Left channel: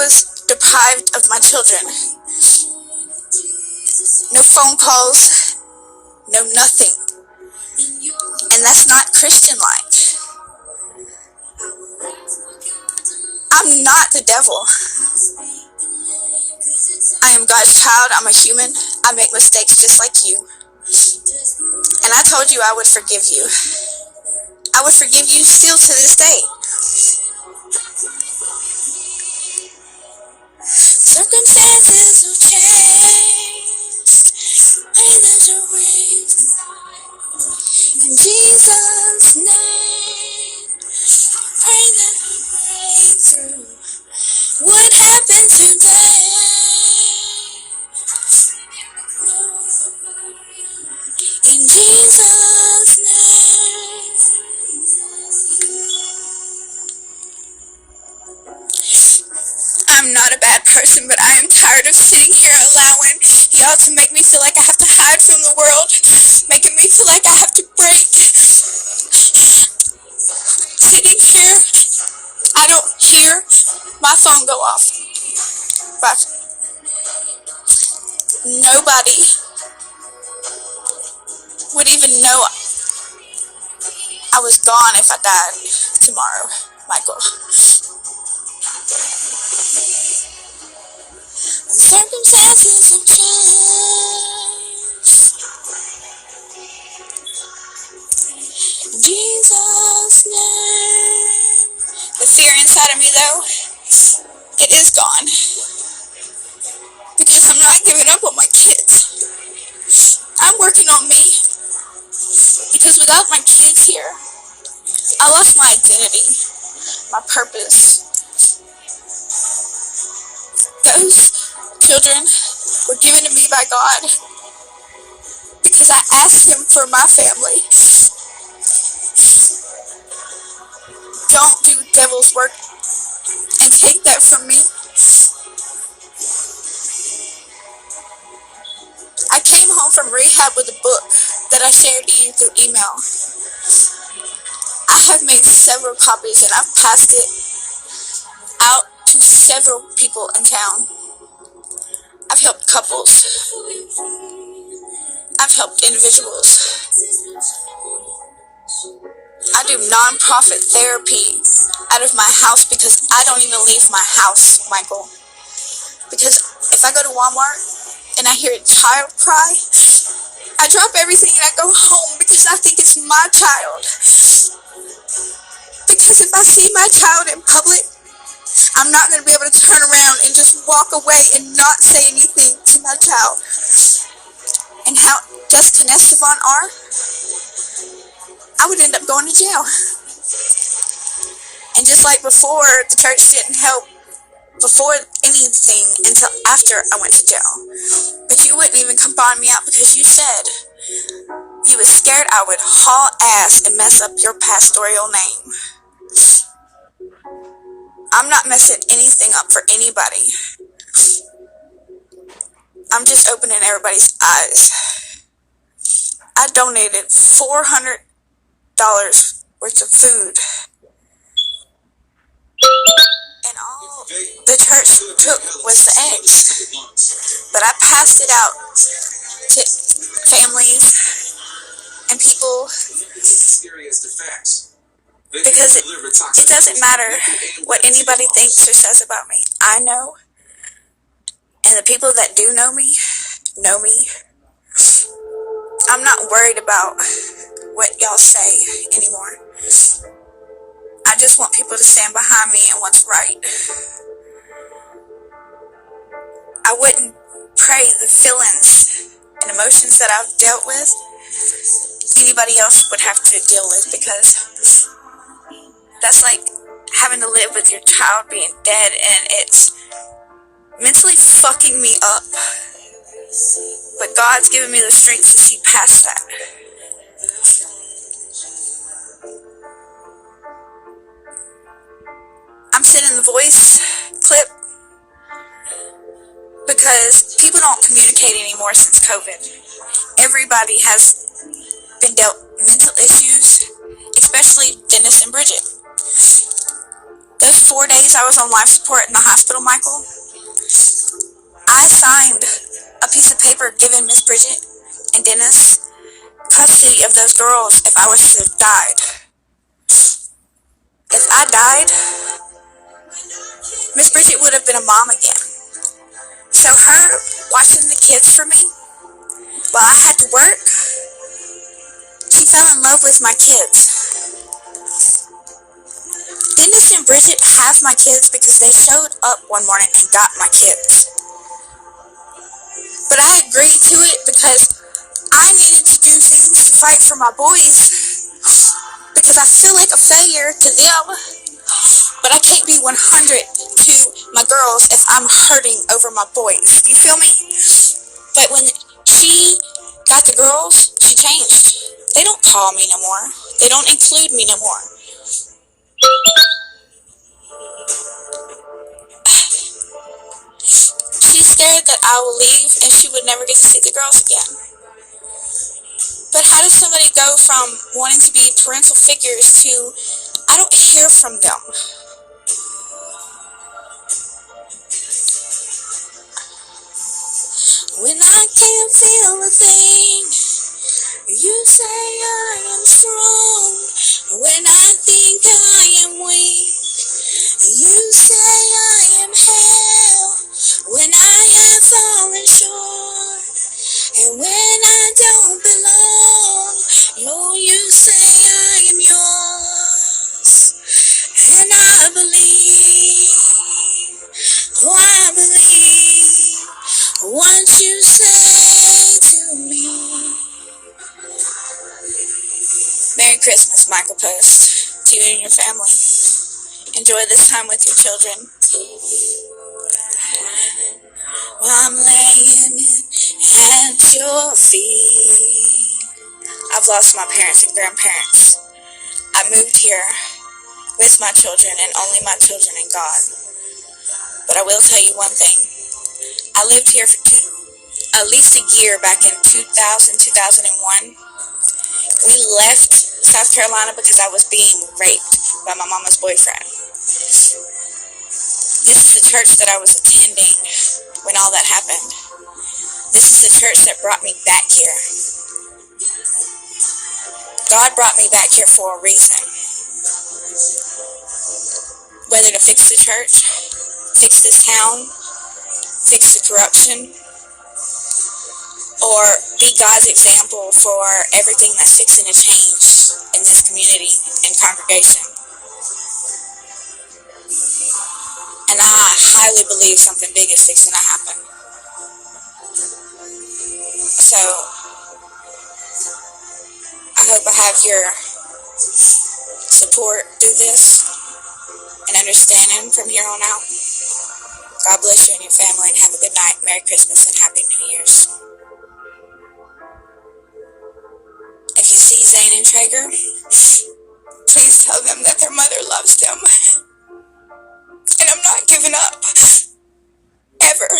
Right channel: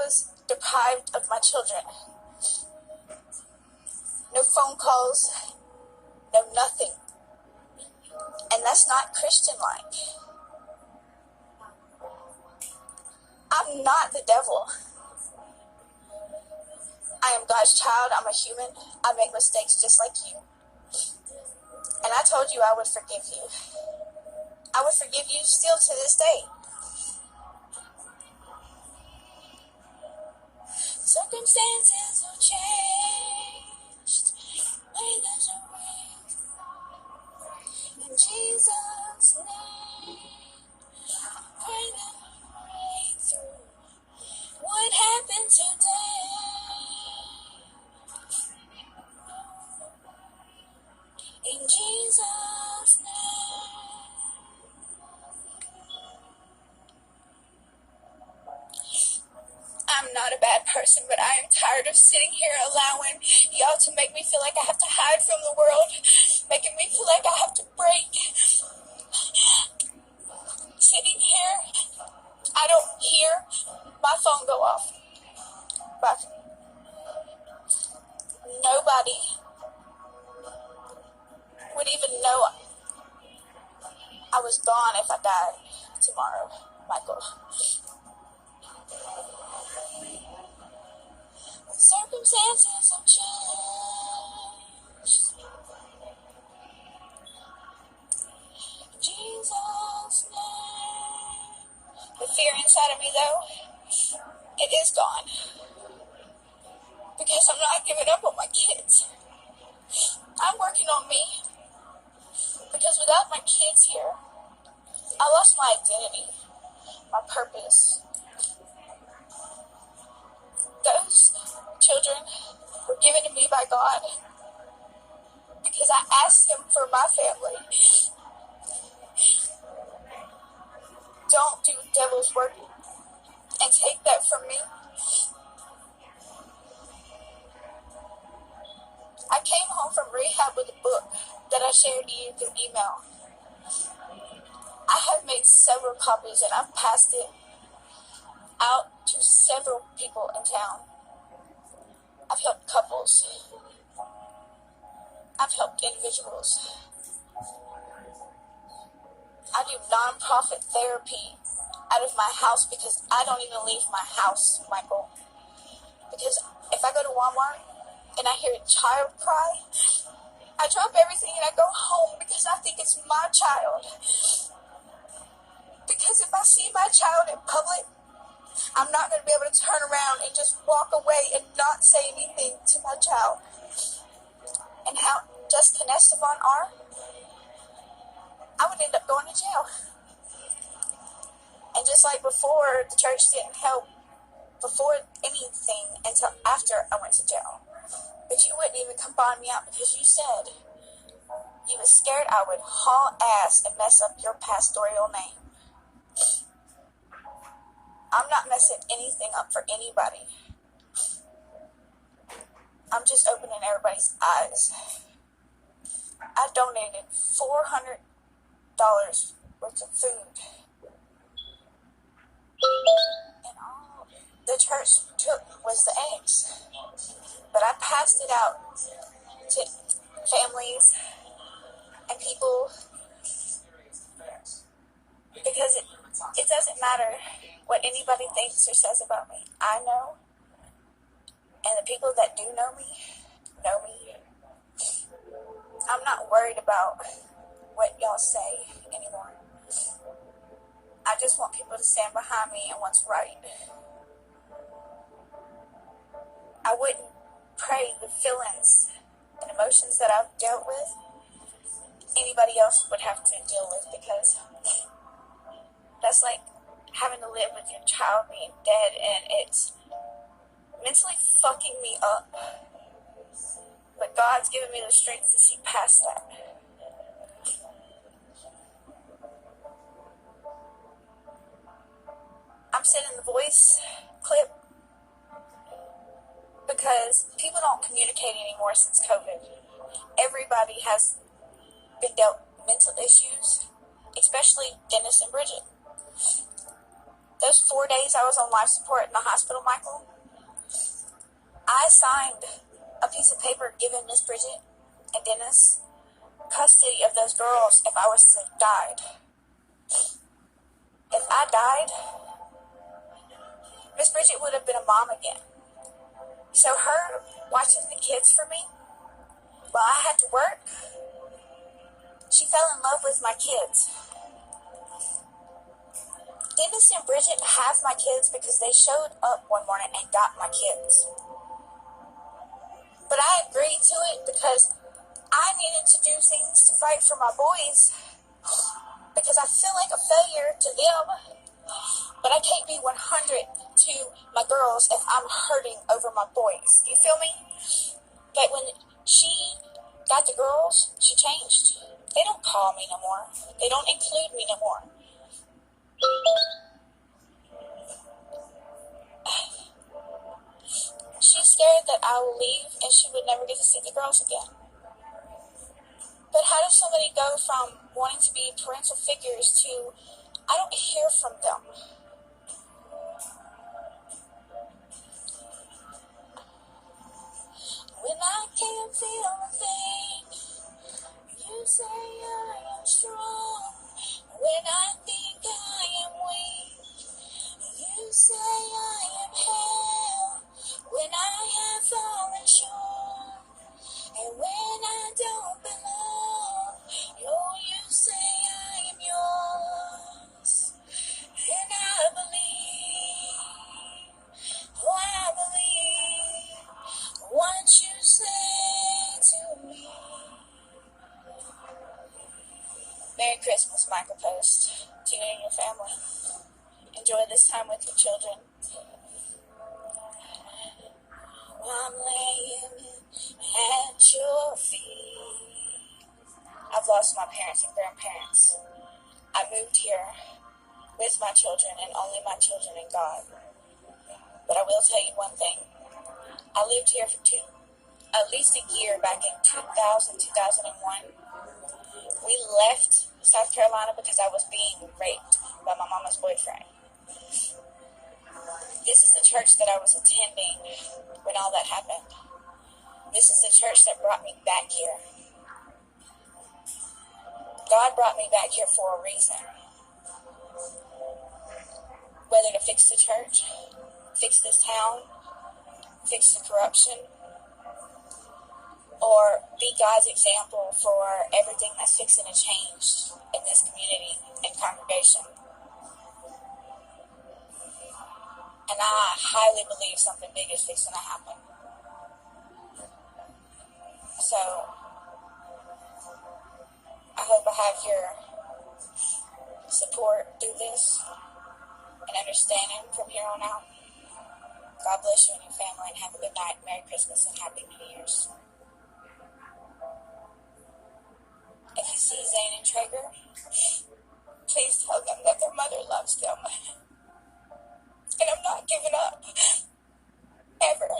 was deprived of my children. No phone calls, no nothing. And that's not Christian-like. I'm not the devil. I am God's child. I'm a human. I make mistakes just like you. And I told you I would forgive you. I would forgive you still to this day. Circumstances will change. Pray that you're with. In Jesus' name, pray that you break through. What happened today? In Jesus' name. I'm not a bad person, but I am tired of sitting here allowing y'all to make me feel like I have to hide from the world, making me feel like I have to break. Sitting here, I don't hear my phone go off. But nobody would even know I was gone if I died tomorrow, Michael. Circumstances have changed. In Jesus' name. The fear inside of me, though, it is gone. Because I'm not giving up on my kids. I'm working on me. Because without my kids here, I lost my identity, my purpose. Those children were given to me by God because I asked Him for my family. Don't do devil's work and take that from me. I came home from rehab with a book that I shared to you through email. I have made several copies and I've passed it out to several people in town. I've helped couples. I've helped individuals. I do non-profit therapy out of my house because I don't even leave my house, Michael. Because if I go to Walmart and I hear a child cry, I drop everything and I go home because I think it's my child. Because if I see my child in public, I'm not going to be able to turn around and just walk away and not say anything to my child. And how just and Estevan are, I would end up going to jail. And just like before, the church didn't help before anything until after I went to jail. But you wouldn't even come bond me out because you said you was scared I would haul ass and mess up your pastoral name. I'm not messing anything up for anybody. I'm just opening everybody's eyes. I donated $400 worth of food. And all the church took was the eggs. But I passed it out to families and people because it doesn't matter what anybody thinks or says about me. I know. And the people that do know me know me. I'm not worried about what y'all say anymore. I just want people to stand behind me and what's right. I wouldn't pray the feelings and emotions that I've dealt with anybody else would have to deal with, because that's like having to live with your child being dead, and it's mentally fucking me up. But God's given me the strength to see past that. I'm sending the voice clip because people don't communicate anymore since COVID. Everybody has been dealt mental issues, especially Dennis and Bridget. Those 4 days I was on life support in the hospital, Michael, I signed a piece of paper giving Miss Bridget and Dennis custody of those girls if I was to have died. If I died, Miss Bridget would have been a mom again. So her watching the kids for me while I had to work, she fell in love with my kids. Dennis and Bridget have my kids because they showed up one morning and got my kids. But I agreed to it because I needed to do things to fight for my boys because I feel like a failure to them. But I can't be 100 to my girls if I'm hurting over my boys. Do you feel me? But when she got the girls, she changed. They don't call me no more. They don't include me no more. She's scared that I will leave and she would never get to see the girls again. But how does somebody go from wanting to be parental figures to I don't hear from them? When I can't feel a thing, you say I am strong. When I think I am weak, you say I am hell. When I have fallen short, and when I don't belong, Lord, you say I am yours. And I believe, oh I believe, what you say to me. Merry Christmas, Michael Post, to you and your family. Enjoy this time with your children. While I'm laying at your feet. I've lost my parents and grandparents. I moved here with my children and only my children and God. But I will tell you one thing. I lived here for at least a year back in 2001. We left South Carolina because I was being raped by my mama's boyfriend. This is the church that I was attending when all that happened. This is the church that brought me back here. God brought me back here for a reason. Whether to fix the church, fix this town, fix the corruption, or be God's example for everything that's fixing to change in this community and congregation. And I highly believe something big is fixing to happen. So, I hope I have your support through this and understanding from here on out. God bless you and your family and have a good night. Merry Christmas and Happy New Year's. If you see Zane and Traeger, please tell them that their mother loves them. And I'm not giving up. Ever.